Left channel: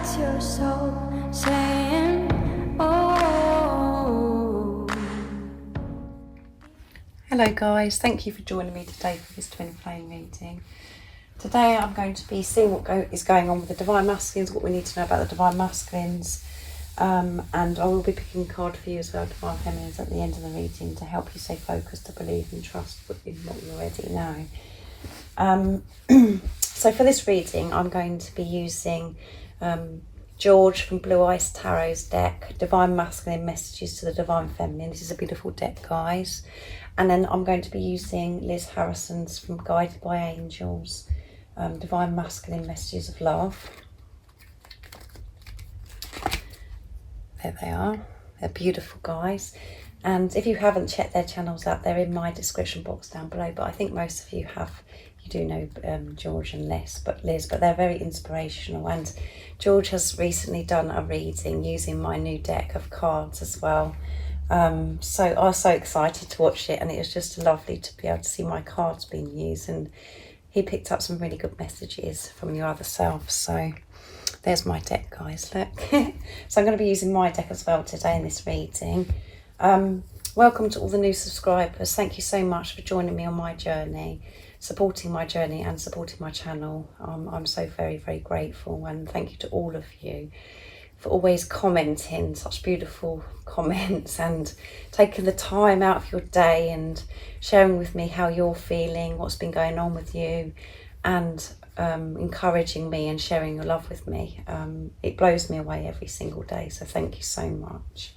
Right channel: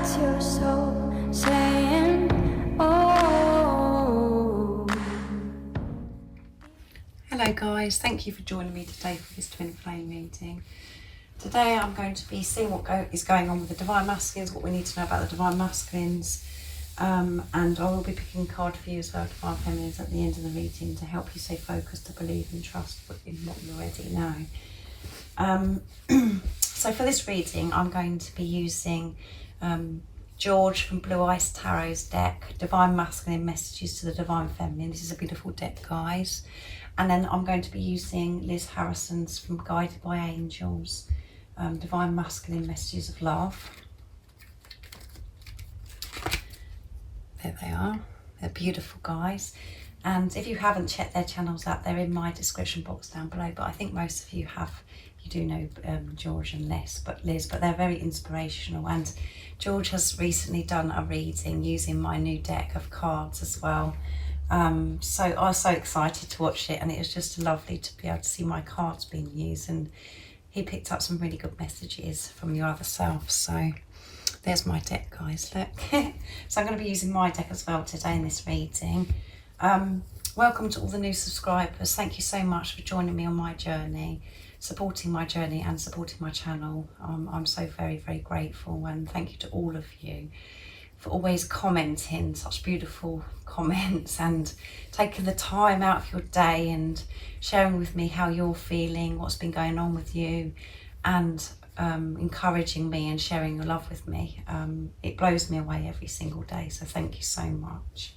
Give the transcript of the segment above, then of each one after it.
That's your soul saying, oh. Hello guys, thank you for joining me today for this twin flame reading. Today I'm going to be seeing what is going on with the Divine Masculines, what we need to know about the Divine Masculines, and I will be picking a card for you as well, Divine Feminines, at the end of the reading to help you stay focused, to believe and trust in what you already know. So for this reading I'm going to be using George from Blue Ice Tarot's deck, Divine Masculine Messages to the Divine Feminine. This is a beautiful deck, guys. And then I'm going to be using Liz Harrison's from Guided by Angels, Divine Masculine Messages of Love. There they are. They're beautiful, guys. And if you haven't checked their channels out, they're in my description box down below. But I think most of you have. You do know George and Liz, but they're very inspirational. And George has recently done a reading using my new deck of cards as well. So I was so excited to watch it, and it was just lovely to be able to see my cards being used. And he picked up some really good messages from your other self. So there's my deck, guys, look. So I'm going to be using my deck as well today in this reading. Welcome to all the new subscribers. Thank you so much for joining me on my journey, supporting my journey and supporting my channel. I'm so very, very grateful, and thank you to all of you for always commenting such beautiful comments and taking the time out of your day and sharing with me how you're feeling, what's been going on with you, and encouraging me and sharing your love with me. It blows me away every single day, so thank you so much.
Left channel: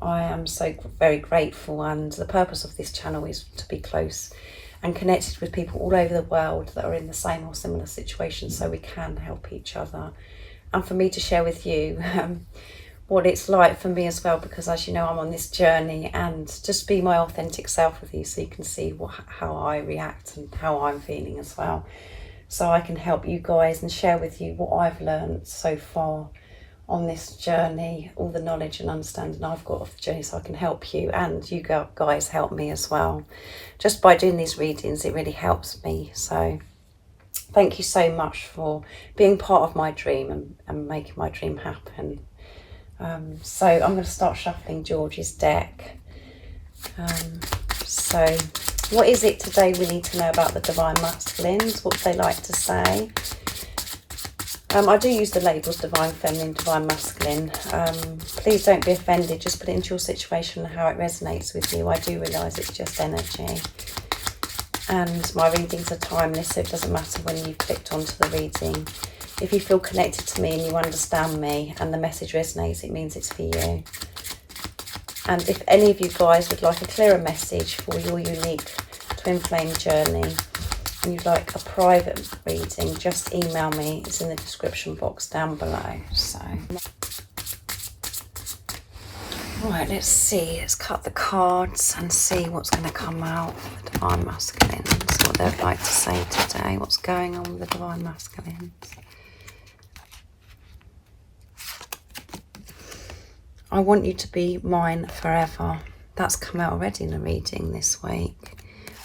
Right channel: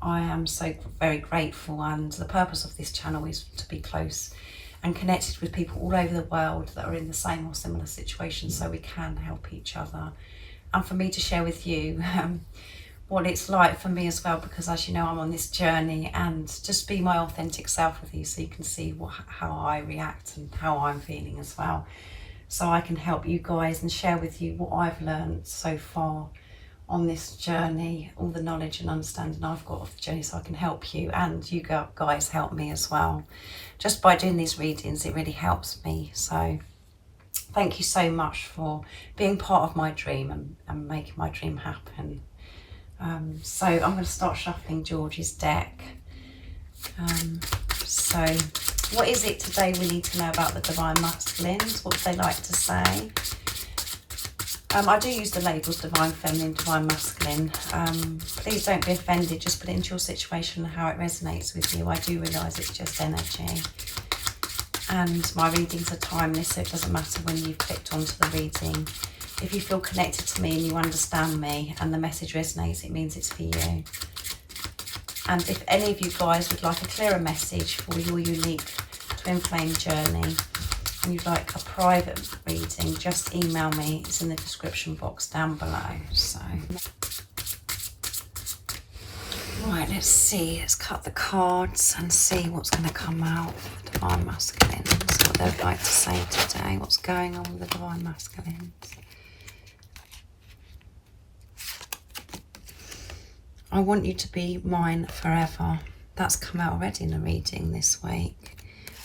I am so very grateful, and the purpose of this channel is to be close and connected with people all over the world that are in the same or similar situations, so we can help each other, and for me to share with you what it's like for me as well, because as you know, I'm on this journey, and just be my authentic self with you so you can see how I react and how I'm feeling as well, so I can help you guys and share with you what I've learned so far on this journey, all the knowledge and understanding I've got of the journey, so I can help you, and you guys help me as well. Just by doing these readings, it really helps me. So thank you so much for being part of my dream and making my dream happen. So I'm going to start shuffling George's deck. So what is it today we need to know about the Divine Masculines? What do they like to say? I do use the labels Divine Feminine, Divine Masculine. Please don't be offended, just put it into your situation and how it resonates with you. I do realise it's just energy. And my readings are timeless, so it doesn't matter when you've clicked onto the reading. If you feel connected to me and you understand me and the message resonates, it means it's for you. And if any of you guys would like a clearer message for your unique twin flame journey, and you'd like a private reading, just email me. It's in the description box down below. So right, let's see, let's cut the cards and see what's going to come out for the Divine Masculines, what they'd like to say today, what's going on with the Divine Masculines. I want you to be mine forever. That's come out already in the reading this week.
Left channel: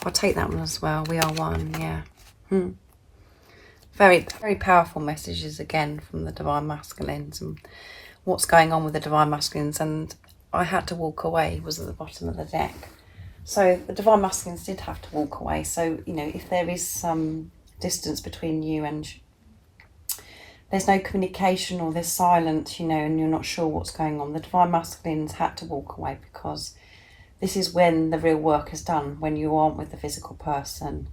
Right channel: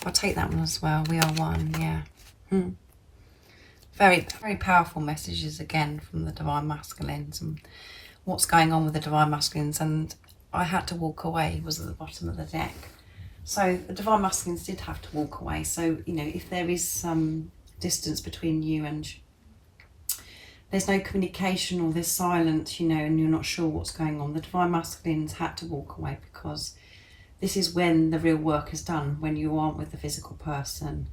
I'll take that one as well. We are one, yeah. Very, very powerful messages again from the Divine Masculines and what's going on with the Divine Masculines. And I had to walk away, was at the bottom of the deck. So the Divine Masculines did have to walk away. So, you know, if there is some distance between you and there's no communication or there's silence, you know, and you're not sure what's going on, the Divine Masculines had to walk away, because this is when the real work is done, when you aren't with the physical person.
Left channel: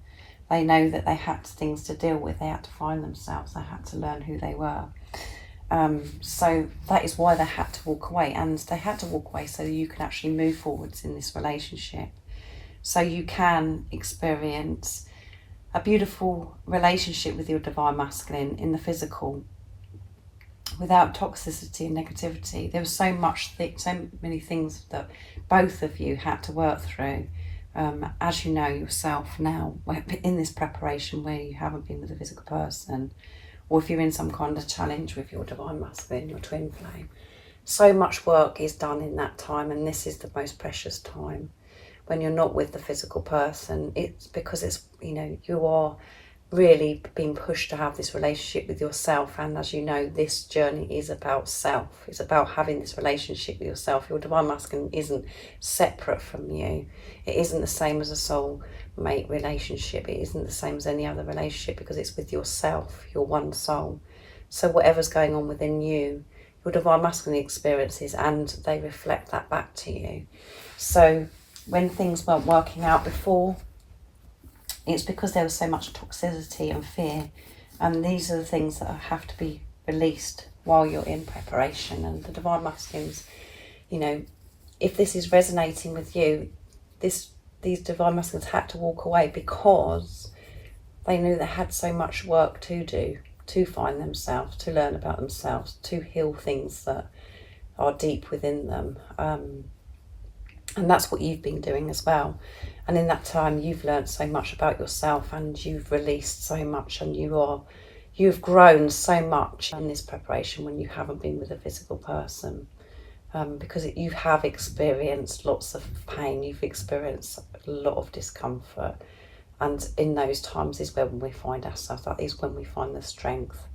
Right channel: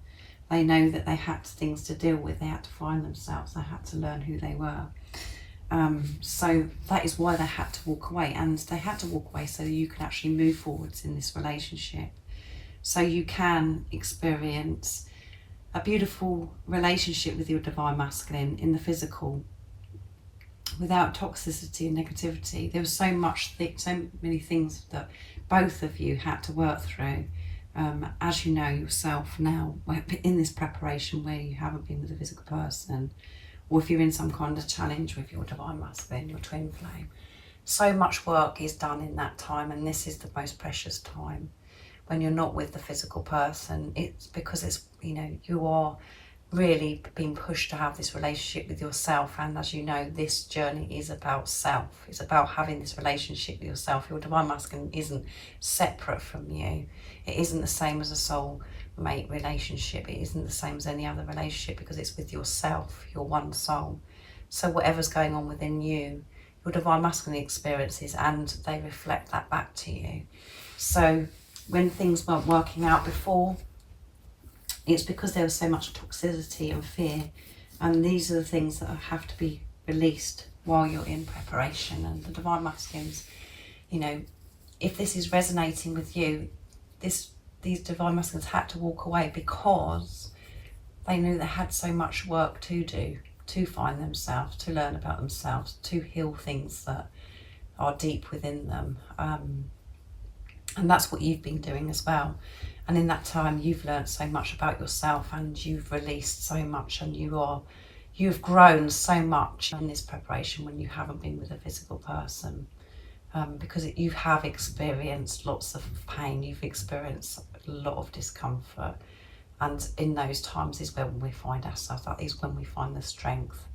They know that they had things to deal with, they had to find themselves, they had to learn who they were. So that is why they had to walk away, and they had to walk away so that you can actually move forwards in this relationship. So you can experience a beautiful relationship with your Divine Masculine in the physical, without toxicity and negativity. There was so many things that both of you had to work through, as you know yourself now, in this preparation where you haven't been with a physical person, or if you're in some kind of challenge with your Divine Masculine, your twin flame. So much work is done in that time, and this is the most precious time when you're not with the physical person. It's because it's, you know, you are really being pushed to have this relationship with yourself. And as you know, this journey is about self. It's about having this relationship with yourself. Your divine masculine isn't separate from you. It isn't the same as a soul mate relationship. It isn't the same as any other relationship, because it's with yourself, your one soul. So whatever's going on within you, your divine masculine experiences, and they reflect that back to you. So when things weren't working out before, it's because there was so much toxicity and fear, and these are the things that have to be released while you're in preparation. And the divine masculines, you know, if this is resonating with you, these divine masculines had to walk away because they knew they had so much work to do, to find themselves, to learn about themselves, to heal things that are deep within them. And that's what you've been doing as well. And in that time, you've learned so much about yourself, and you've released so much, and you've grown so much in this preparation when you haven't been with a physical person. Because you have experienced lots of pain, you've experienced a lot of discomfort. And in those times is when we find ourselves, that is when we find the strength.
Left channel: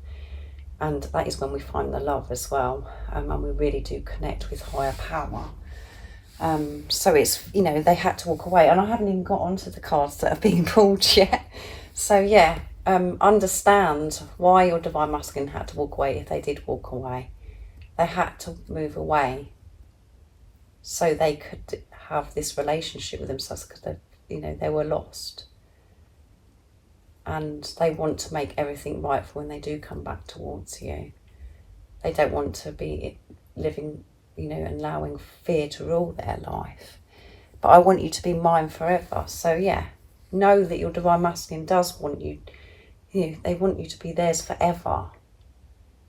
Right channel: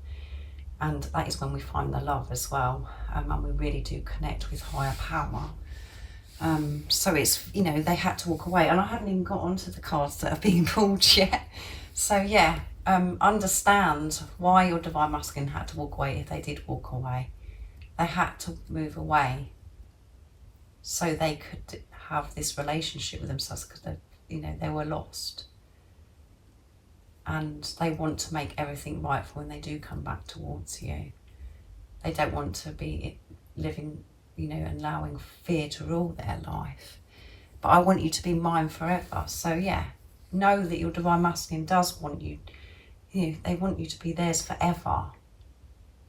And that is when we find the love as well. And we really do connect with higher power. So it's, you know, they had to walk away. And I haven't even got onto the cards that are being pulled yet. So yeah, understand why your divine masculine had to walk away if they did walk away. They had to move away so they could have this relationship with themselves, because they were lost. And they want to make everything right for when they do come back towards you. They don't want to be living, and allowing fear to rule their life. But I want you to be mine forever. So yeah, know that your divine masculine does want you, they want you to be theirs forever.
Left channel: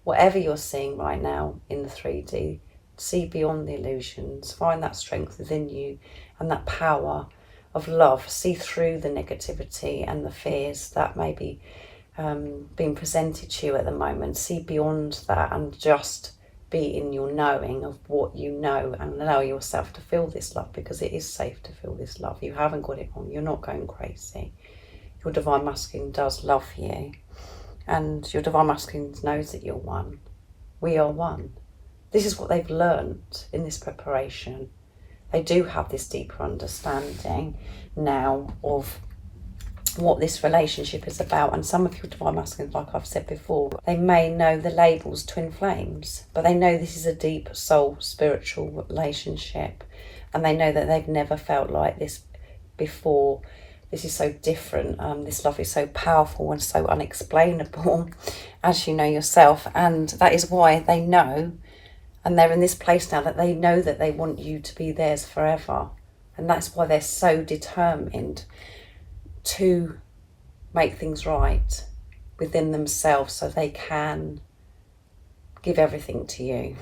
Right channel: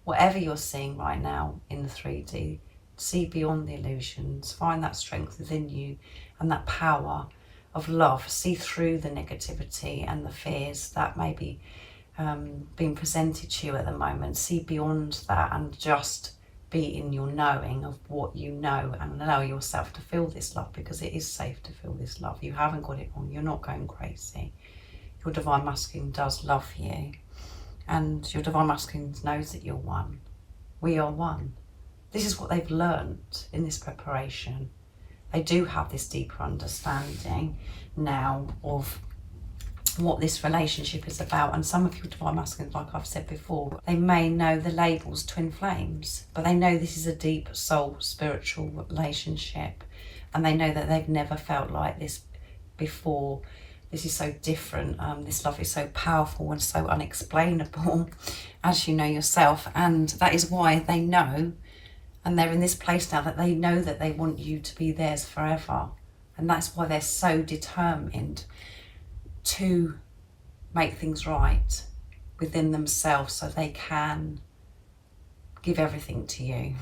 Whatever you're seeing right now in the 3D, see beyond the illusions, find that strength within you and that power of love. See through the negativity and the fears that may be being presented to you at the moment. See beyond that and just be in your knowing of what you know, and allow yourself to feel this love, because it is safe to feel this love. You haven't got it wrong. You're not going crazy. Your divine masculine does love you. And your divine masculine knows that you're one. We are one. This is what they've learnt in this preparation. They do have this deeper understanding now of what this relationship is about. And some of your divine masculines, like I've said before, they may know the labels twin flames, but they know this is a deep soul spiritual relationship, and they know that they've never felt like this before. This is so different. This love is so powerful and so unexplainable, as you know yourself. And that is why they know, and they're in this place now that they know that they want you to be theirs forever. And that's why they're so determined to make things right within themselves, so they can give everything to you.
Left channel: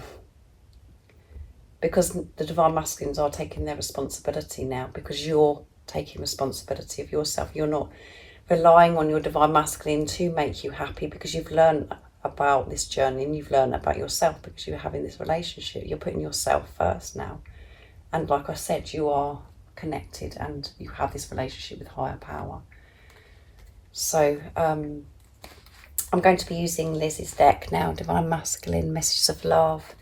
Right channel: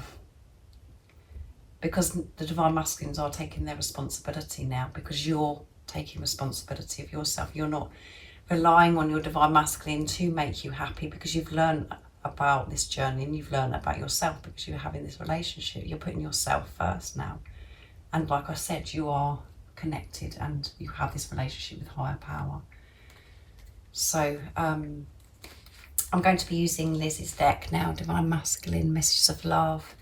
Because the divine masculines are taking their responsibility now, because you're taking responsibility of yourself. You're not relying on your divine masculine to make you happy, because you've learned about this journey and you've learned about yourself, because you're having this relationship. You're putting yourself first now. And like I said, you are connected and you have this relationship with higher power. So I'm going to be using Liz's deck now, Divine Masculine Messages of Love,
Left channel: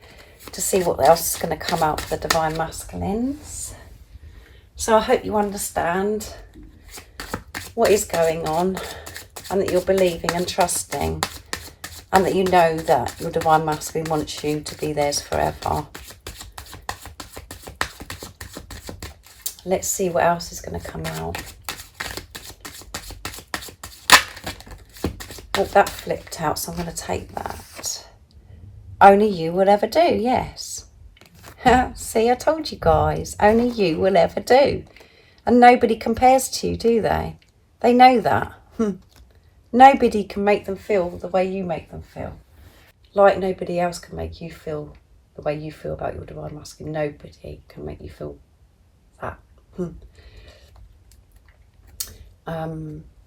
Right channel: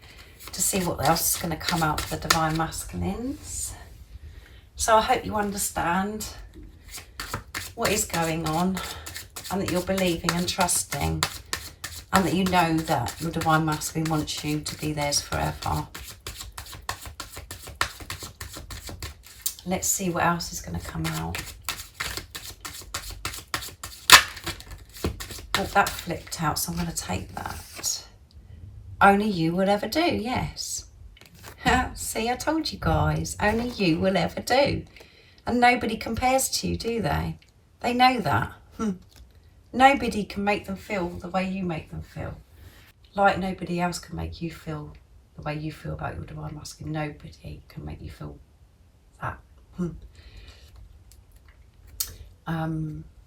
to see what else is going to come out for the Divine Masculines. So I hope you understand what is going on, and that you're believing and trusting, and that you know that your divine masculine wants you to be theirs forever. Let's see what else is going to come out. Oh, that flipped out, so I'm going to take that. Only you will ever do, yes. See, I told you guys, only you will ever do. And nobody compares to you, do they? They know that. Nobody can make them feel the way you make them feel. Like nobody else can make you feel the way you feel about your divine masculine. Nobody can make you feel that.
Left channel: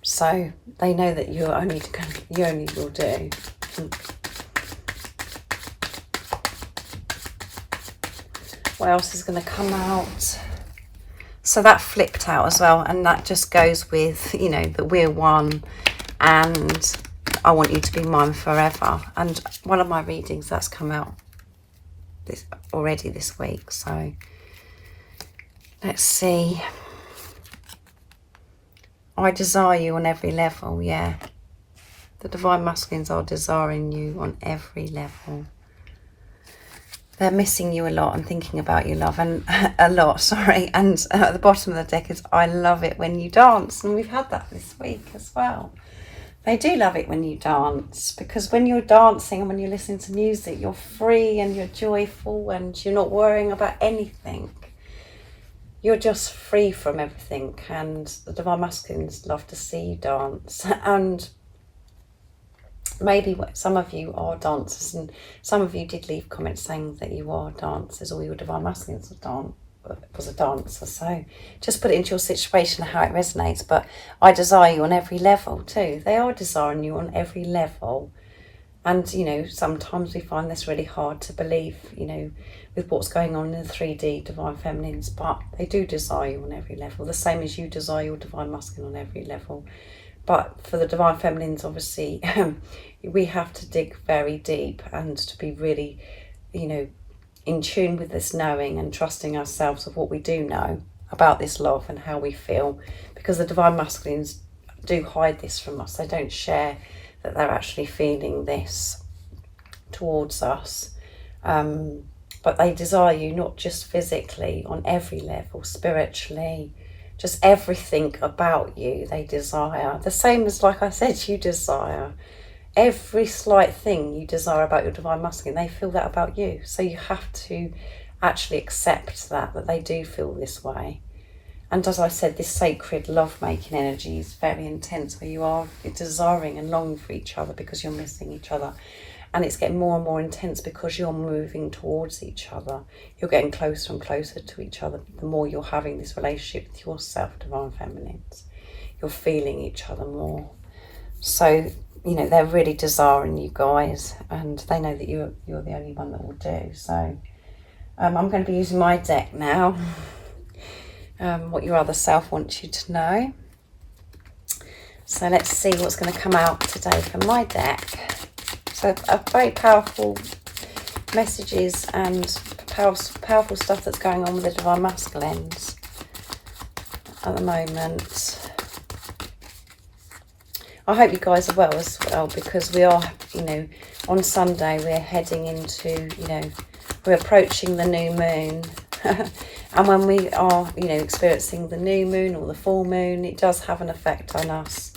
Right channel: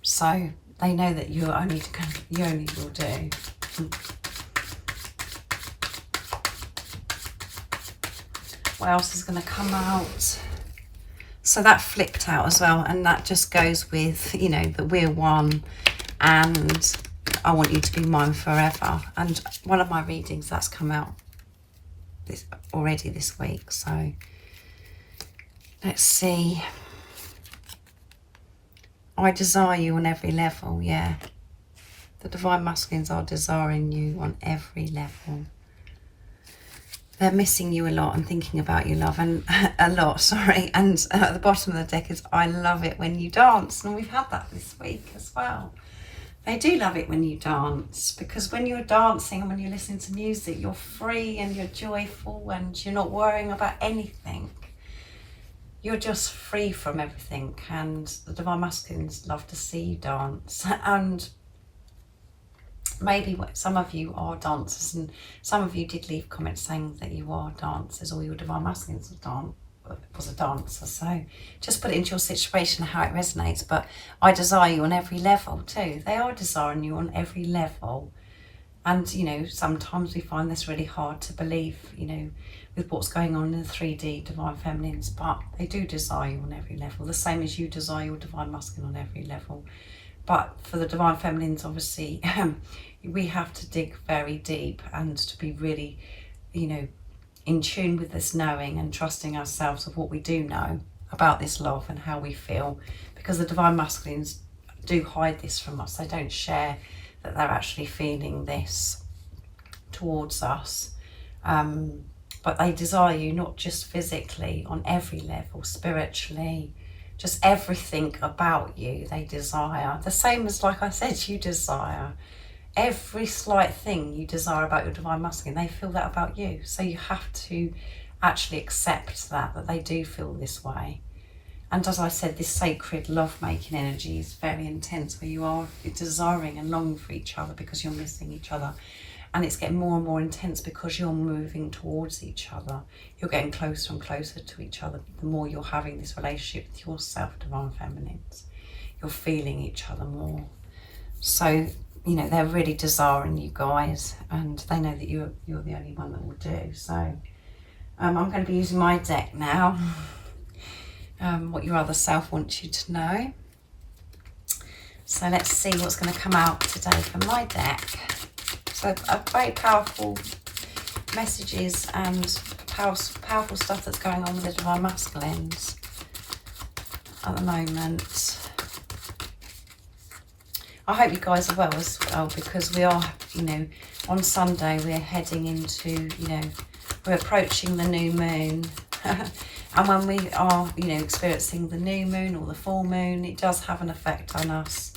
So they know that you only will do. What else is going to come out? So that flipped out as well, and that just goes with, that we're one, and I want you to be mine forever. And one of my readings that's come out already this week, so let's see. I desire you on every level. Yeah, the divine masculines are desiring you on every level. They're missing you a lot and thinking about you, love, and a lot, sorry. And at the bottom of the deck is, I love it when you dance. And we've had that this week as well. They do love it when you dance, because when you're dancing and when you're listening to music, you're free and you're joyful and you're not worrying about anything. You're just free from everything, and the divine masculines love to see you dance. And maybe some of you are dancers, and some of you did leave comments saying that you are dancers, or your divine masculines was a dancer. So just put it into your situation how it resonates. But I desire you on every level too. They are desiring you on every level. And, you know, sometimes we find this really hard to believe, you know, with what's going on in the 3D divine feminines, but they do desire you on every level, the same as you desire your divine masculine on every level. But for the divine feminines, obviously, we have to dig very deep and to be really, you know, in tune with this knowing and trusting ourselves of what we do know about this love and how we feel, because the divine masculines do hide this from us. They don't share that they're actually feeling this towards us. But they desire you not just physically, on every level, spiritually, just everything about you they desire. The same as, like I said, you desire. Every slight thing you desire about your divine masculine, they feel that about you. So you have to actually accept that they do feel this way. And as I said, this sacred love-making energy is very intense, where you are desiring and longing for each other because you're missing each other. And it's getting more and more intense because you're moving towards each other. You're getting closer and closer to each other the more you're having this relationship with yourself, divine feminines. You're feeling each other more. So, you know, they're really desiring you guys, and they know that you're the only one that will do. So I'm going to be using my deck now. What your other self wants you to know. So let's see what's going to come out today from my deck. So a very powerful messages and powerful stuff that's going on with the divine masculines at the moment. I hope you guys are well as well, because we are, you know, on Sunday we're heading into, you know, we're approaching the new moon. And when we are, you know, experiencing the new moon or the full moon, it does have an effect on us.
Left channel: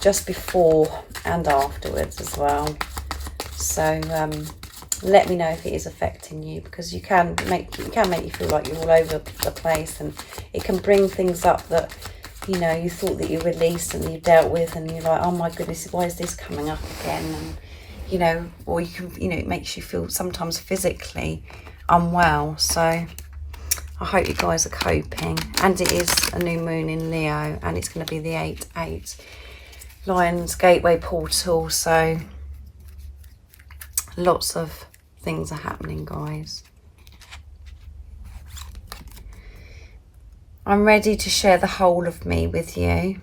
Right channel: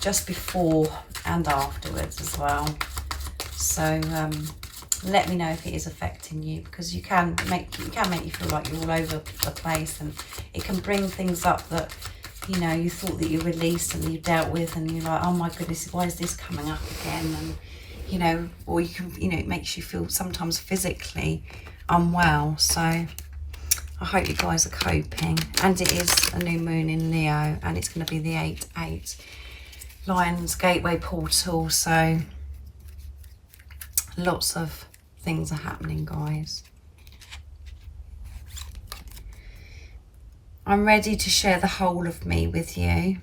Just before and afterwards as well. So let me know if it is affecting you, because it can make you feel like you're all over the place, and it can bring things up that, you know, you thought that you released and you dealt with, and you're like, oh my goodness, why is this coming up again? And, you know, or you can, you know, it makes you feel sometimes physically unwell. So I hope you guys are coping. And it is a new moon in Leo, and it's going to be the 8/8 Lion's Gateway portal. So lots of things are happening, guys. I'm ready to share the whole of me with you.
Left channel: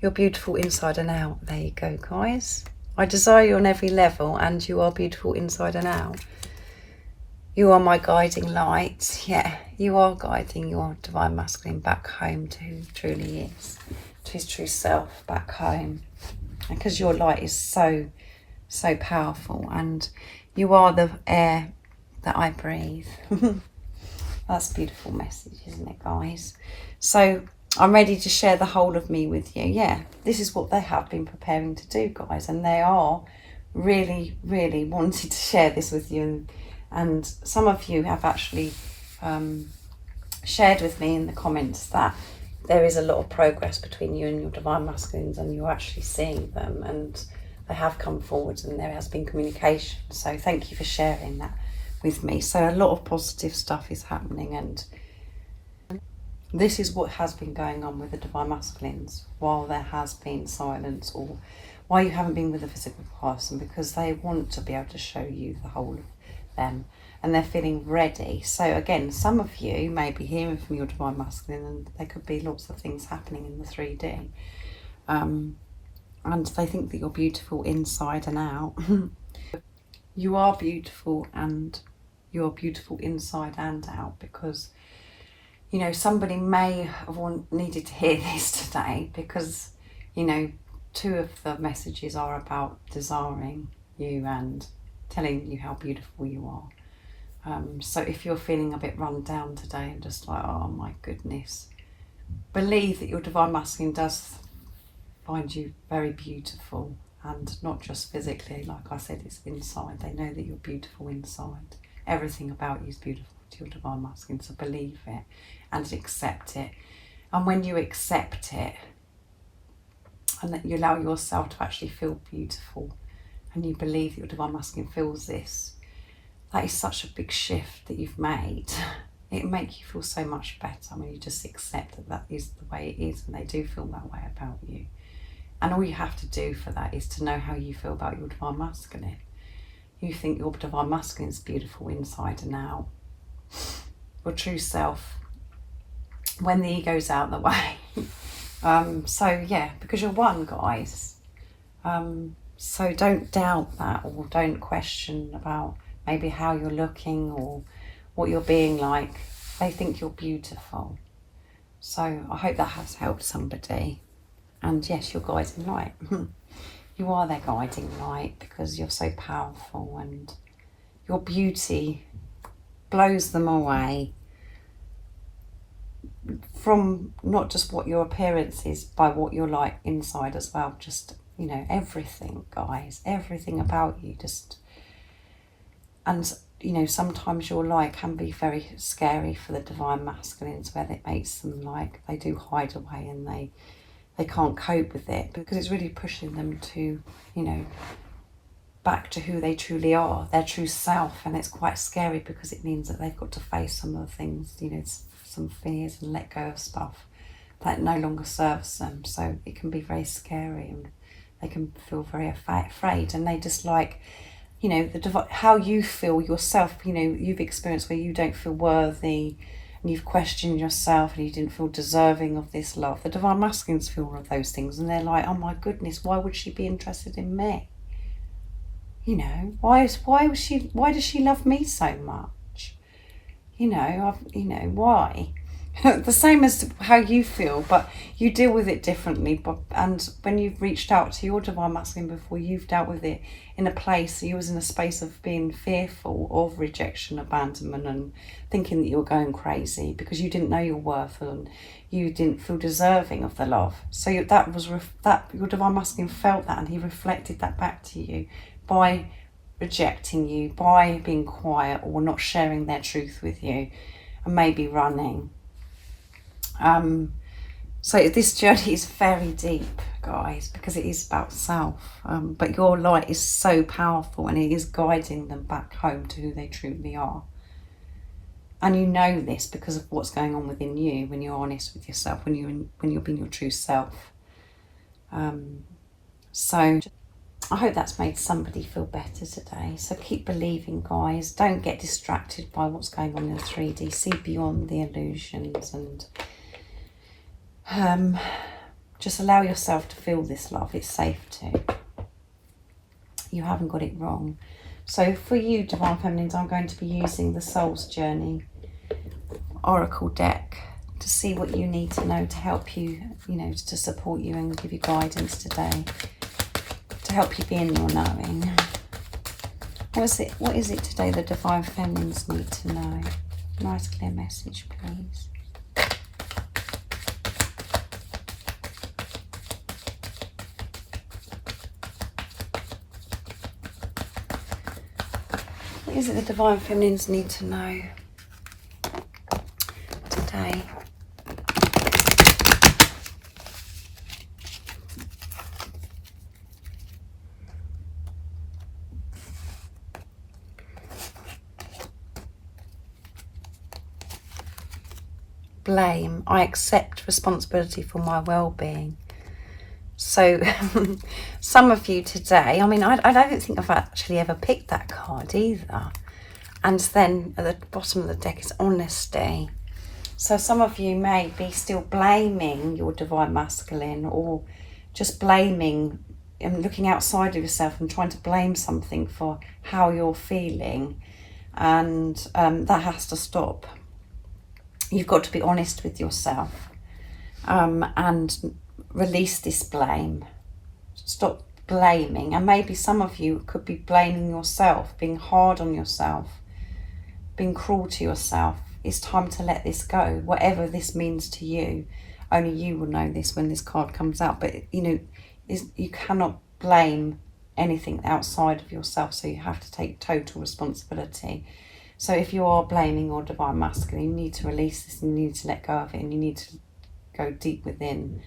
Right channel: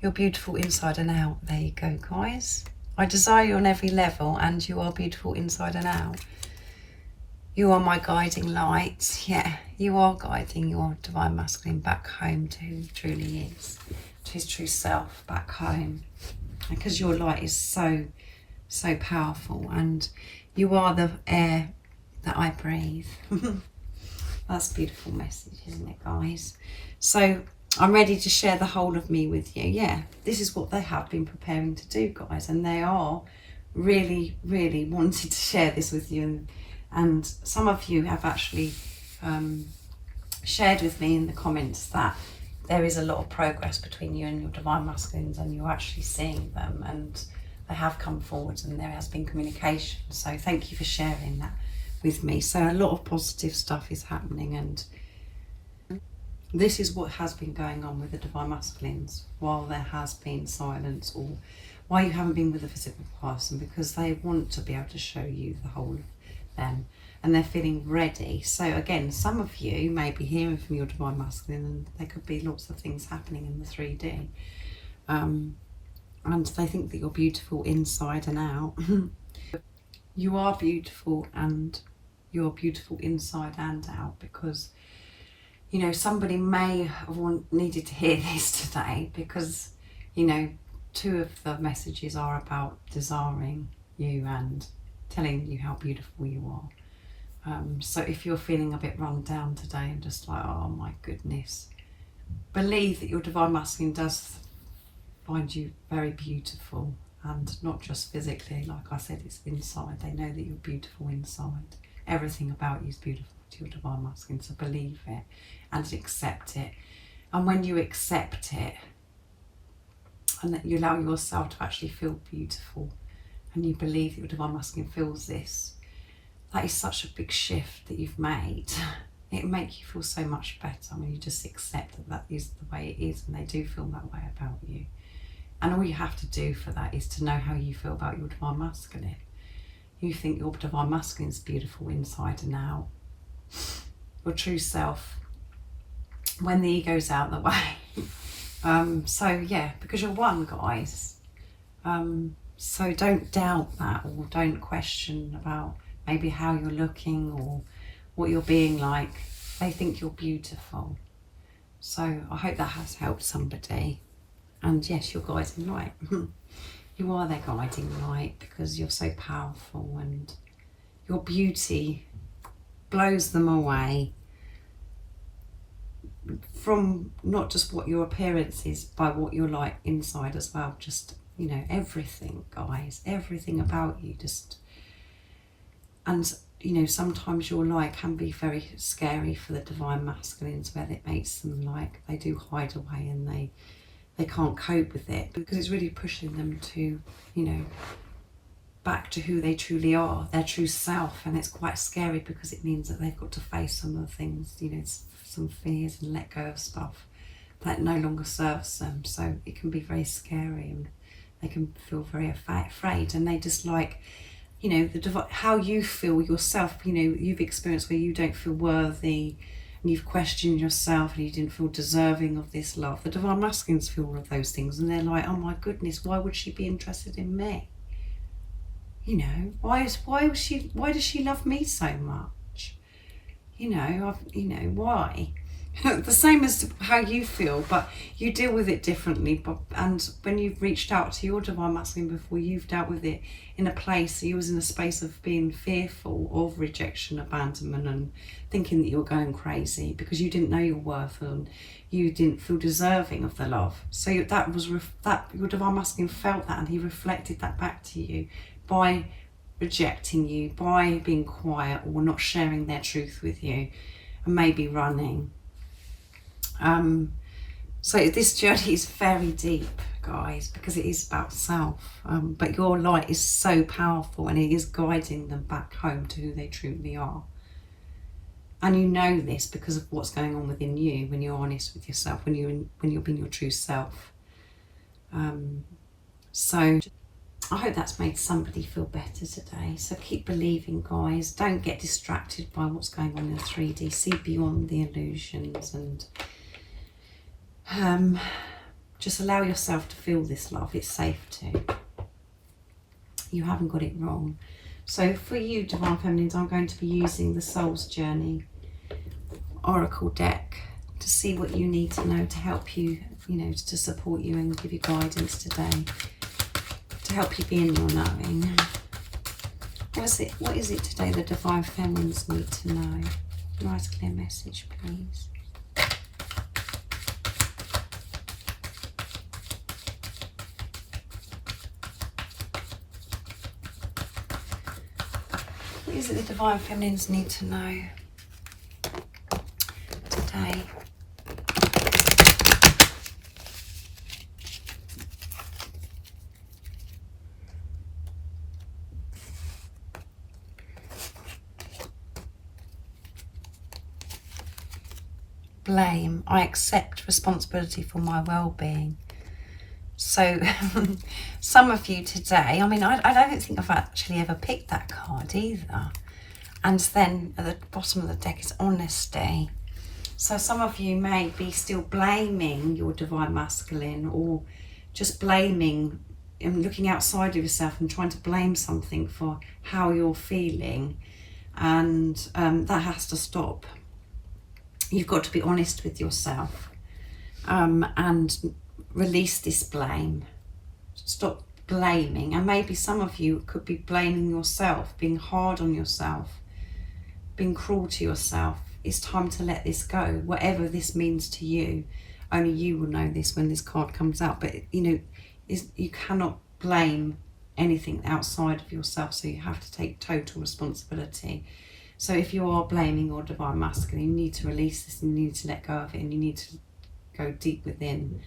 You're beautiful inside and out. There you go, guys. I desire you on every level, and you are beautiful inside and out. You are my guiding light. Yeah, you are guiding your divine masculine back home to who he truly is, to his true self back home. Because your light is so, so powerful, and you are the air that I breathe. That's a beautiful message, isn't it, guys? So I'm ready to share the whole of me with you. Yeah, this is what they have been preparing to do, guys, and they are really, really wanting to share this with you. And some of you have actually shared with me in the comments that there is a lot of progress between you and your divine masculines, and you're actually seeing them, and they have come forward, and there has been communication. So thank you for sharing that with me. So a lot of positive stuff is happening, and this is what has been going on with the divine masculines while there has been silence, or why you haven't been with a physical person, because they want to be able to show you the whole of them, and they're feeling ready. So again, some of you may be hearing from your Divine Masculine, and there could be lots of things happening in the 3D. And they think that you're beautiful inside and out. You are beautiful, and you're beautiful inside and out, because, you know, somebody may have needed to hear this today, because, you know, 2 of the messages are about desiring you and telling you how beautiful you are. So if you're feeling a bit run down today and just like, oh my goodness, believe that your Divine Masculine does find you very beautiful, and not just physically. Like I said, it's inside. They know that you're beautiful inside. Everything about you is beautiful to your Divine Masculine, so believe it and accept it. And when you accept it, and that you allow yourself to actually feel beautiful, and you believe that your Divine Masculine feels this, that is such a big shift that you've made. It'll make you feel so much better when you just accept that that is the way it is, and they do feel that way about you. And all you have to do for that is to know how you feel about your Divine Masculine. You think your Divine Masculine is beautiful inside and out. Your true self, when the ego's out the way. So yeah, because you're one, guys. So don't doubt that, or don't question about maybe how you're looking or what you're being like. They think you're beautiful. So I hope that has helped somebody. And yes, you're guiding light. You are their guiding light, because you're so powerful, and your beauty blows them away from not just what your appearance is, by what you're like inside as well. Just, you know, everything, guys, everything about you. Just, and you know, sometimes your light can be very scary for the Divine Masculines, where it makes them like, they do hide away, and they can't cope with it, because it's really pushing them to, you know, back to who they truly are, their true self. And it's quite scary, because it means that they've got to face some of the things, you know, some fears, and let go of stuff that no longer serves them. So it can be very scary, and they can feel very afraid, and they just like, you know, how you feel yourself. You know, you've experienced where you don't feel worthy, and you've questioned yourself, and you didn't feel deserving of this love. The Divine Masculines feel all of those things, and they're like, oh my goodness, why would she be interested in me? You know, why does she love me so much? You know, why? The same as how you feel, but you deal with it differently. And when you've reached out to your Divine Masculine before, you've dealt with it in a place, you was in a space of being fearful of rejection, abandonment, and thinking that you were going crazy because you didn't know your worth, and you didn't feel deserving of the love. So that was that your Divine Masculine felt that, and he reflected that back to you by rejecting you, by being quiet or not sharing their truth with you, and maybe running. So this journey is very deep, guys, because it is about self, but your light is so powerful, and it is guiding them back home to who they truly are. And you know this because of what's going on within you when you're honest with yourself, when you're being your true self. So I hope that's made somebody feel better today. So keep believing, guys. Don't get distracted by what's going on in the 3D. See beyond the illusions, and just allow yourself to feel this love. It's safe to. You haven't got it wrong. So for you, Divine Feminines, I'm going to be using the Soul's Journey Oracle deck to see what you need to know to help you, to support you and give you guidance today, to help you be in your knowing. What is it today the Divine Feminines need to know? Nice clear message, please. What is it the Divine Feminines need to know today? Blame. I accept responsibility for my well-being. So some of you today, I don't think I've actually ever picked that card either. And then at the bottom of the deck is honesty. So some of you may be still blaming your divine masculine, or just blaming and looking outside of yourself and trying to blame something for how you're feeling. And that has to stop. You've got to be honest with yourself, and release this blame. Stop blaming. And maybe some of you could be blaming yourself, being hard on yourself, being cruel to yourself. It's time to let this go, whatever this means to you. Only you will know this when this card comes out. But you cannot blame anything outside of yourself, so you have to take total responsibility. So if you are blaming your divine masculine, you need to release this, and you need to let go of it, and you need to go deep within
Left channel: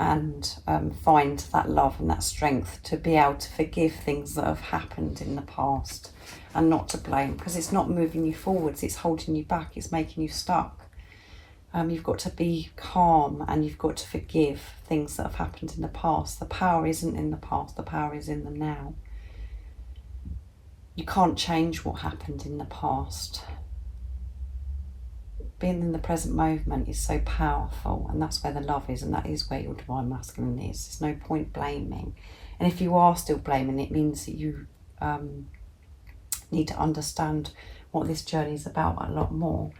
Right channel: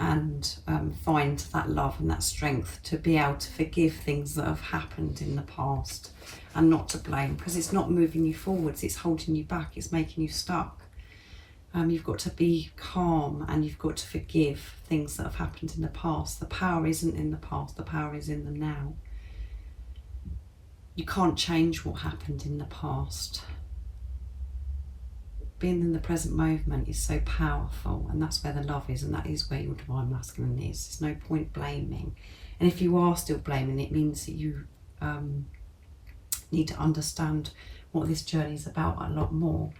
and find that love and that strength to be able to forgive things that have happened in the past, and not to blame, because it's not moving you forwards, it's holding you back, it's making you stuck. You've got to be calm, and you've got to forgive things that have happened in the past. The power isn't in the past, the power is in the now. You can't change what happened in the past. Being in the present moment is so powerful, and that's where the love is, and that is where your divine masculine is. There's no point blaming. And if you are still blaming, it means that you need to understand what this journey is about a lot more.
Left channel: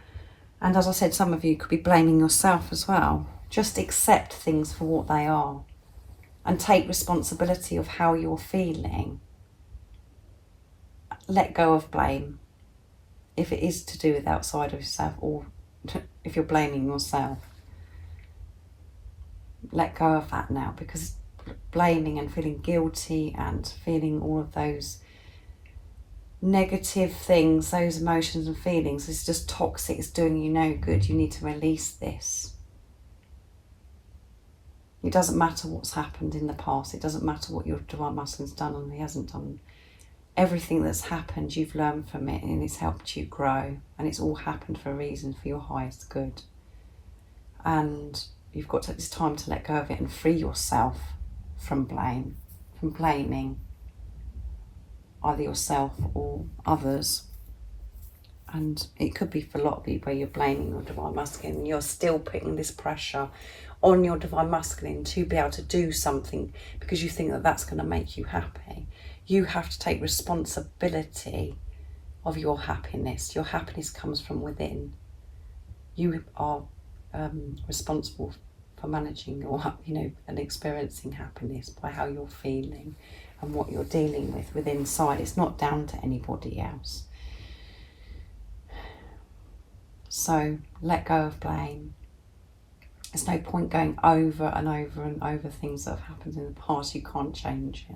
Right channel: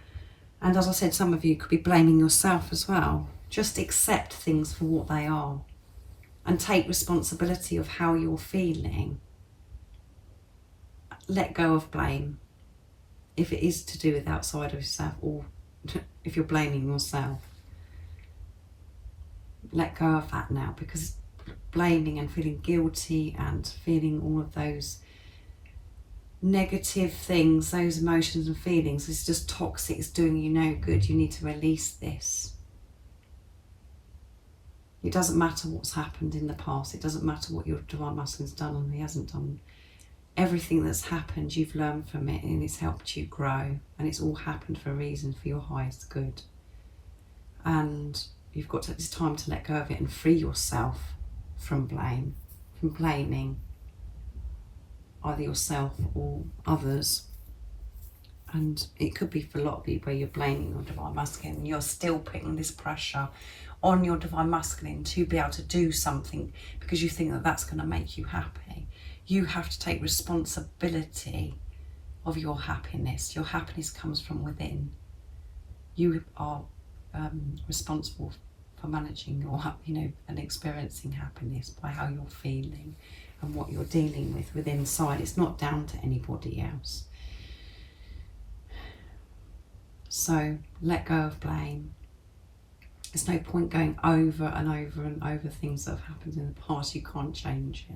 And as I said, some of you could be blaming yourself as well. Just accept things for what they are and take responsibility of how you're feeling. Let go of blame if it is to do with outside of yourself, or if you're blaming yourself. Let go of that now, because blaming and feeling guilty and feeling all of those negative things, those emotions and feelings, is just toxic. It's doing you no good. You need to release this. It doesn't matter what's happened in the past. It doesn't matter what your divine masculine's done and he hasn't done. Everything that's happened, you've learned from it, and it's helped you grow, and it's all happened for a reason, for your highest good. And it's time to let go of it and free yourself from blame, from blaming either yourself or others. And it could be for a lot of people where you're blaming your divine masculine, and you're still putting this pressure on your divine masculine to be able to do something because you think that that's going to make you happy. You have to take responsibility of your happiness. Your happiness comes from within. You are responsible for managing your, and experiencing happiness by how you're feeling and what you're dealing with inside. It's not down to anybody else. So let go of blame. There's no point going over and over and over things that have happened in the past. You can't change it.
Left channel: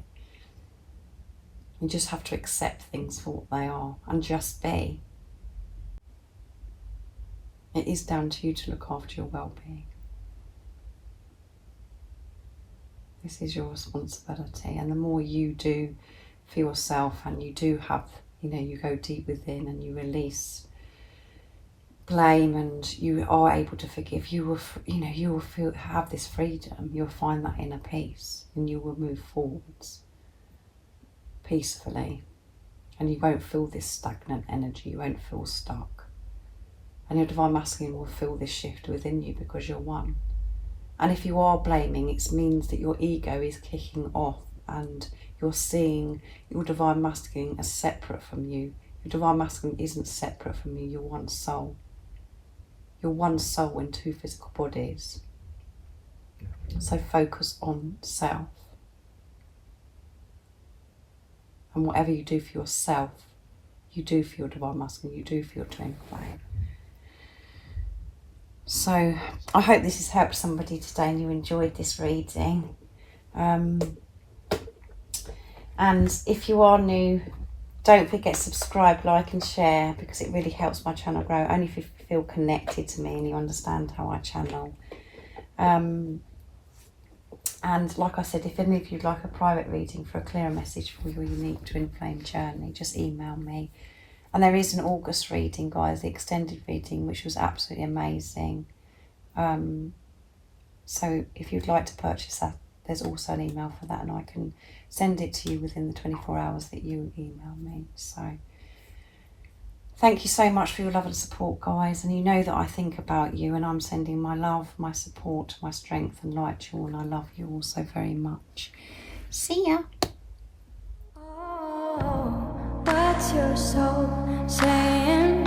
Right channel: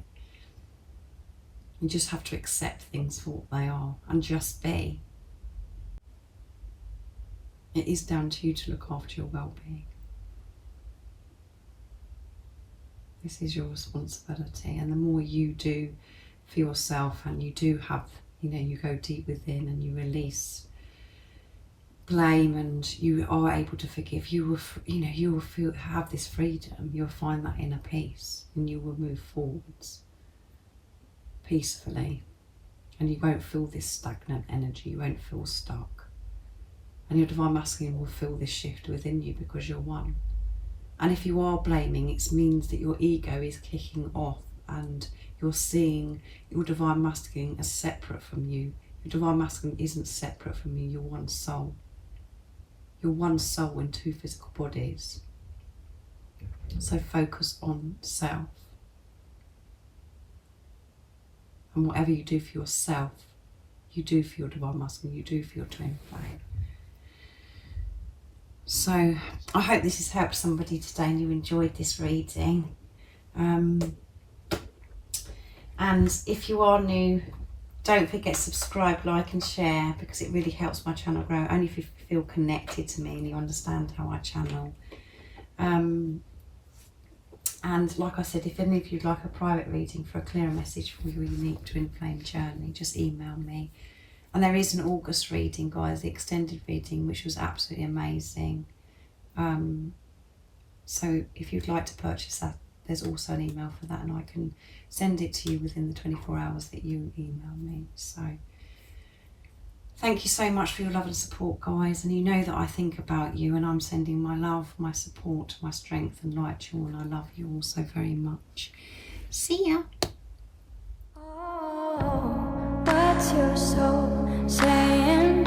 You just have to accept things for what they are and just be. It is down to you to look after your well-being. This is your responsibility, and the more you do for yourself, and you do have, you go deep within and you release blame, and you are able to forgive, you will have this freedom. You'll find that inner peace, and you will move forwards peacefully, and you won't feel this stagnant energy. You won't feel stuck, and your divine masculine will feel this shift within you because you're one. And if you are blaming, it means that your ego is kicking off, and you're seeing your divine masculine as separate from you. Your divine masculine isn't separate from you. You're one soul. You're one soul in two physical bodies. So focus on self. And whatever you do for yourself, you do for your divine masculine, you do for your twin flame. So I hope this has helped somebody today and you enjoyed this reading. And if you are new, don't forget to subscribe, like and share, because it really helps my channel grow, only if you feel connected to me and you understand how I channel. And like I said, if any of you'd like a private reading for a clearer message for your unique twin flame journey, just email me. And there is an August reading, guys, the extended reading, which was absolutely amazing. So if you'd like to purchase that, there's also an email for that, and I can send it to you within the 24 hours that you email me. So Thank you so much for your love and support, guys. And you know that I think about you, and I'm sending my love, my support, my strength and light to you all. And I love you all so very much. See ya. Oh, what's your soul saying?